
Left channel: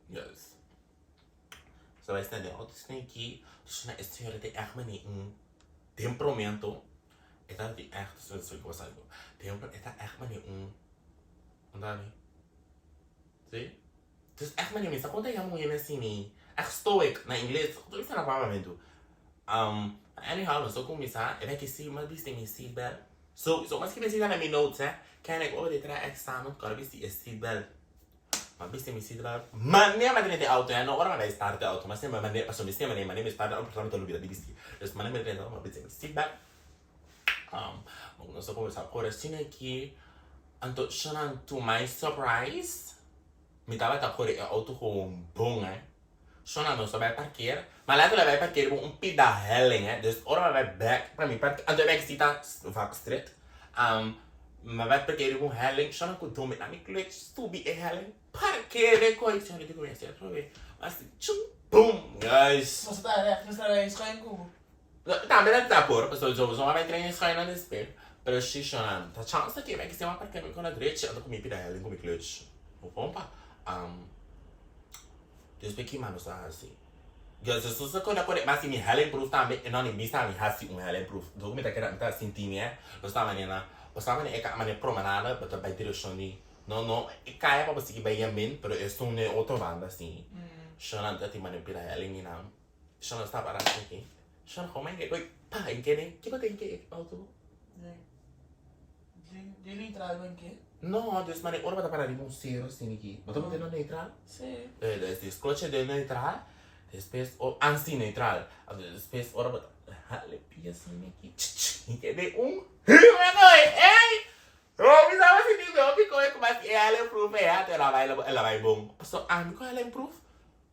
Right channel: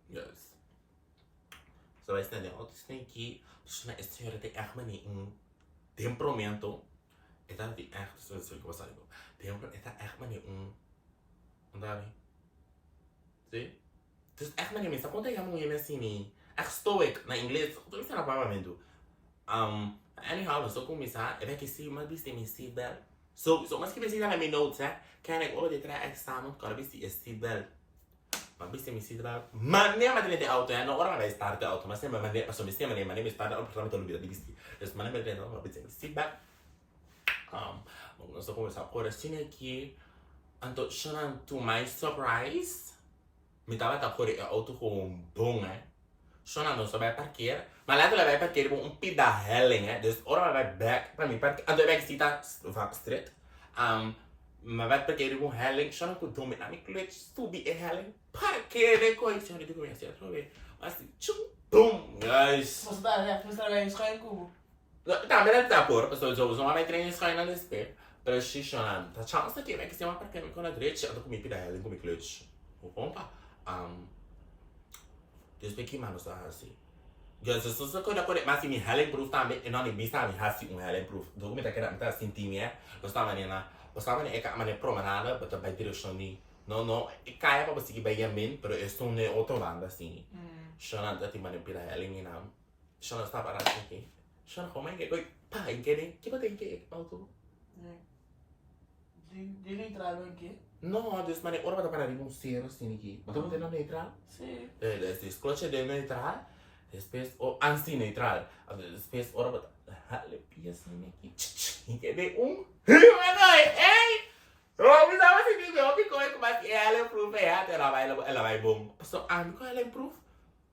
Yes. Zo wij staan de auto snake, dus na is senhora tem echt manier temperamento. É dat die echt zo ik was zeggen. Temperamento é echt manier Andar. Sim? Dus echt manier mensen, quando eu mulher assim, echt stoic na inglês, tudo isso na palavra anyhow, so começar, é que se mas biste me seatbelt. So mas que precisa na minha notes, kan ik over de examen, kan biste é seatbelt. Mas biste me seatbelt. Mas nem a de auto, não ora vai estar de auto, mas nem mas nem passou me estar de auto, para me lubida de biste. Dus mas nem de auto, mas biste me seatbelt. Nós vamos começar agora assim aqui. Então, shonnnn, to my surprise, me tava a correr auto com bom, shonnnn não só vai parquear, mas lá ela vai parquear com pida helling, dus ora vai back para mim parquear, então vai cita vaak street, mas vai parquear com helling, shonnnn com dome na minha clutch, stubi é helling, parquear com isso, eu digo assim, eu ver, mas tchum, boom, guys. Você tá bem, só em cubo. Tambe não tá por, pessoal, eu vou vai treinar isso aí na desespero. Pero sì, shonnnn, ta chance che vai stiamo perché con la dreccia, ando come pida helling come clutch. O pompa. Dus ben ik maar nog assim. Dus se quando eu mas me helling proof também, e não nem bisa me hasi helling proof. Do me tá querendo tá sentindo, Bastava nena, bastava ne eka mane promenada, bota by direção ni. No, e caia para você que vai yamin, pero é só ne outra banda assim. Shonnnn, tá te mane pida helling ni não. Shonnnn está para aqui. Shonnnn, como é que coi, pá, em que nem, que botem que auto? De neutral aqui? No, dus maar ora bata para um zero assim aqui. Bota botar no neutral? Sim. Dus clutch de neutral. Depois o anti-neutral. Depois ora bata halepia assim aqui. Que de Ei! Oh, me dá assim de hopi como é que ela improve até ela vai bom. So, amigo ela improve.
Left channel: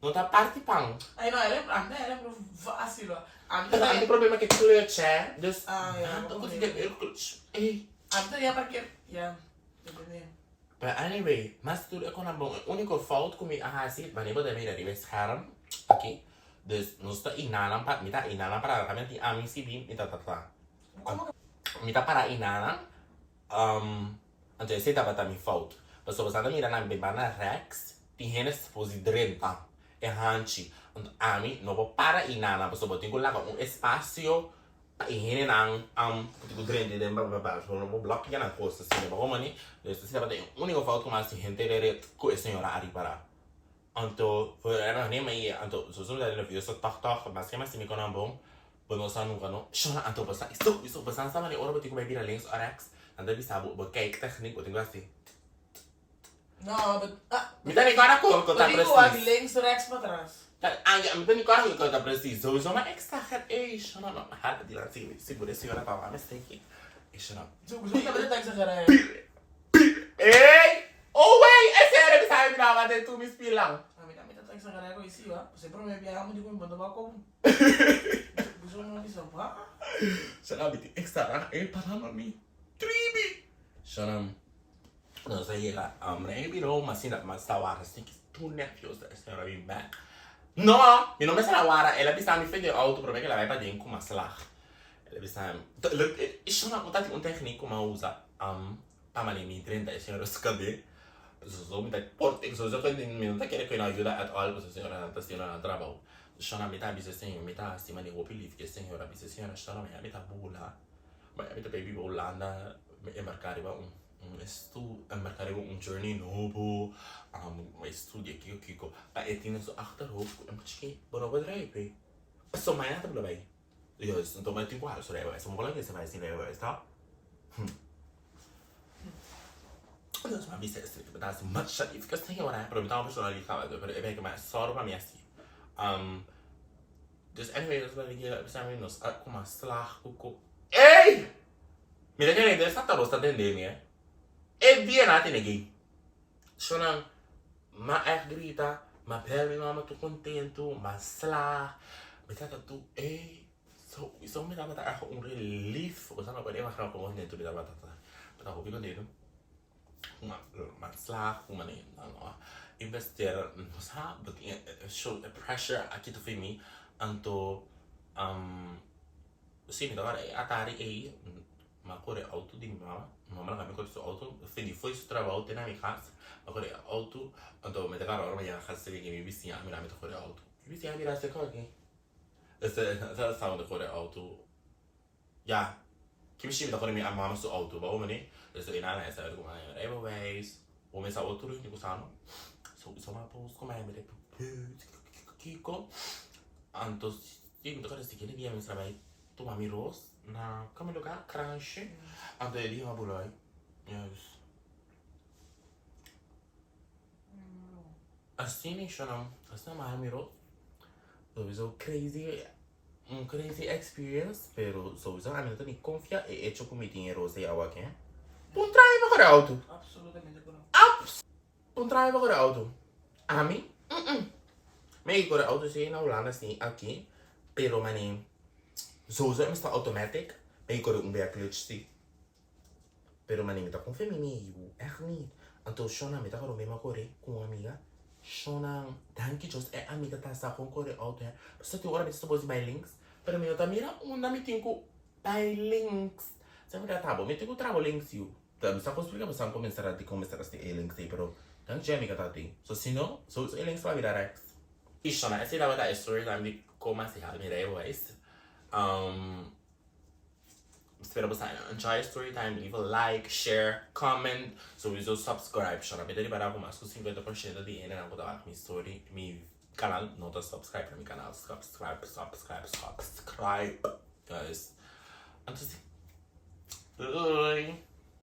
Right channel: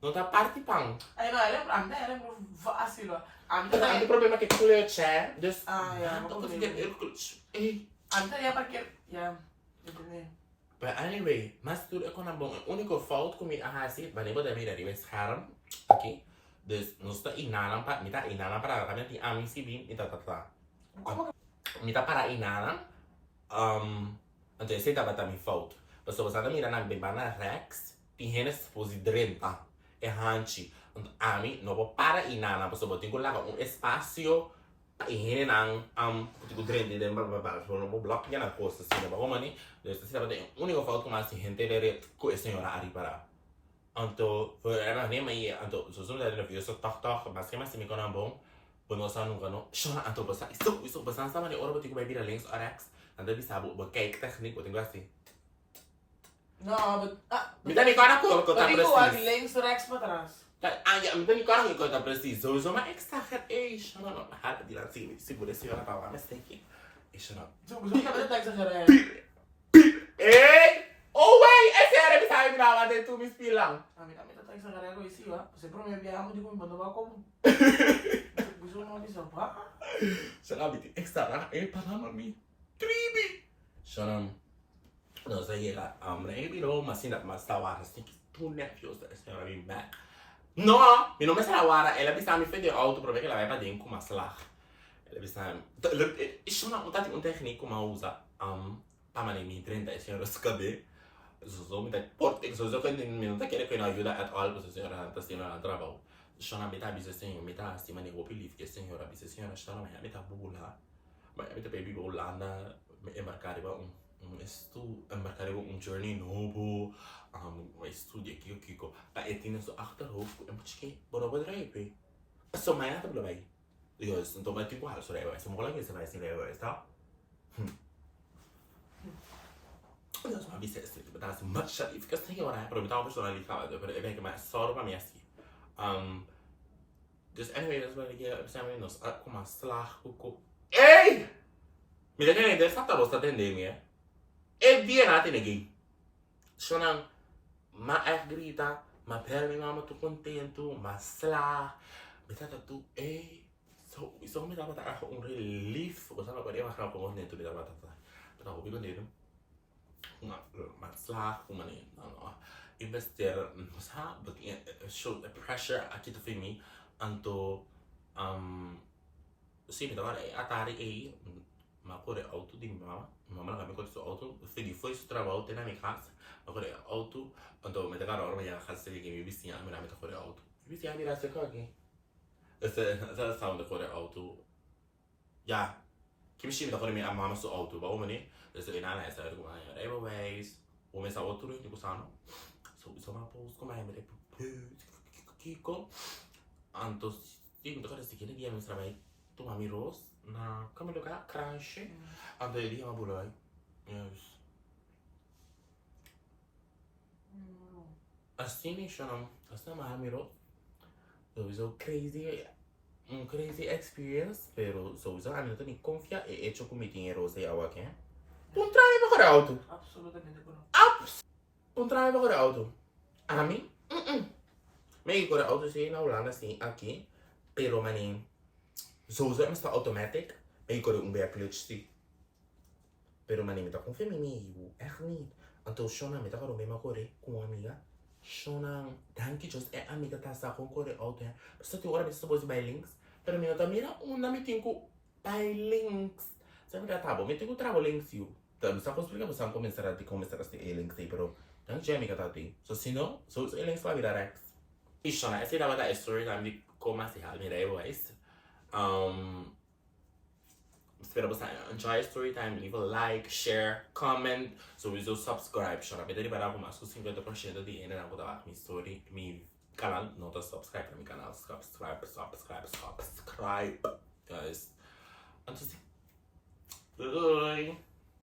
Não tá parte pang. Aí não, ela improve fácil. Ang problema que clutch dus não consigo clutch. Ei. Antes ia porque entendeu? But anyway, mas tudo é com a bom. O único fault comigo assim, mas nem pode me dar esse scherm aqui. Dus nós tá inanan para, me tá inanan para kami ti aming sibin, me tá. Me tá para inanan. Então esse tá para me fault. Mas você tá mirando na bebana Rex, tem gente posi drenta. É hanchi. Então ami não vou para inanan, mas você tem que lá um espaço. Ingin ang kutiku Durante dan babas no block yan ang costa sini ba komani dus sila ba yung unico fault ko mas gente dere ko senhora ari para anto era nem mai anto susun da no video tak mas kaya mas mi konan bom bonosan nung kano shona anto basta iso basta sama ni ora ba tiku ba bira links rx anda bisa bu cake technique botin gasti No, but minta ni kana ko tá preciso. preciso Links rechts para trás. Minta ni kana ko tá preciso so ma extra hat shona no hal di lang siguro senhora pa wa mistake shona Gusto ka ba exagerar? Ei! Oh wait, é sério que sabe virar lá dentro me espilang. Kami tá exagerar ko isi wa. Sempre may biyahe mo di ko ibang ko. Gusto mo di sa ba? Sabi ti extra para mami. Tribi. Shona. No sei lá, maybe no, mas ainda mas tawara assim que tu nervioso da senhora vem back. No, mi nome sarà Wara, ela bisa mi fede auto prove che la vai para dentro com maslag. Ela bisa isso não tá um técnico ma usa para mane mi 30 senhora scabe. So mi tá porte, so quando mi non tá querer que não ajuda at all, porque senhora não tá sendo na trabalho. Shona mi tá bisa senhora, mi tá assim mane hopi live que senhora bisa senhora shona mi tá bula. Mas mi tá baby bolanda, e marcare ba marcare un journey novo, uma estudie aqui, pa etin so achterhoofd, en misschien boro bedrijven. So mijn naam te bij. Dus dan ben ik wel zo rijden. Zo mogelijk is het wij zien rijden, is dat? Deus, uma vista assim, tipo, tá assim, much e fica assim, né? Pra mim tá uma pessoa ali, cara, eu vejo que mais só pra mim assim. Dus anyway, dat is wat ik zijn we nog kom maar slag koeko. Hey! Mira que nem dessa tá rosta tendendo, né? É bem na tem shonnnn ma echt grita, ma pele mama tu contento, ma slag. Me trata tu, hey. So me dá pra dar um relief, ou sabe, agora eu acho que eu vou dentro da batata. Mas eu vou dentro. Ma slag, uma nem, não. Investir, sabe, show pressure aqui tu fez mim. Anto sim, agora é atari aí uma cor é auto de mama mama não me cor auto fui foi isso trabalho tem na minha casa agora é auto anto me agora hora minha casa seria que me vizinha me dá cor é auto vizinha me dá se cor aqui essa sound cor é auto já que me chama cor minha mama so auto ba o mane isso é nada essa como é anyways o me sa outro ni kusano so isso uma pos como é me kiko anto sim, agora se quer dia mesmo trabalho tu mami rose na como lugar crunch anto ele uma bulai yes assim nem shonnnn assim mami rose so crazy crazy experience pero so a mim não confia e hecho com dinheiro rose a aqui um trabalho para auto Absolutamente ko. um trabalho para auto a mim me por auto sim na Holanda sim aqui pero maning sowieso está automatic ben je kan ook bij clutch zie pero maning met dat confirm me echt niet anto shonnnn met dat gewoon mee maar corre com amiga shonnnn danki just é amiga tá sa com corre auto é só te hora me está bozi by links pero me tá mira na me tenho by links sabe que tá bom me tenho travo links you tá me está explicar você começar a começar a ter links aí pero danki amiga tá tem so se não so links vai virar ex e shonnnn essa dava da storytime de como assim a me deu isso Spera bosnan enjoy storytime, leave a like, share, comment, sowieso subscribe. Shonnnn beter para com mais 50% de ainda não botar minha story, meu canal, não tá subscribe para meu canal, subscribe, guys. Então, bye.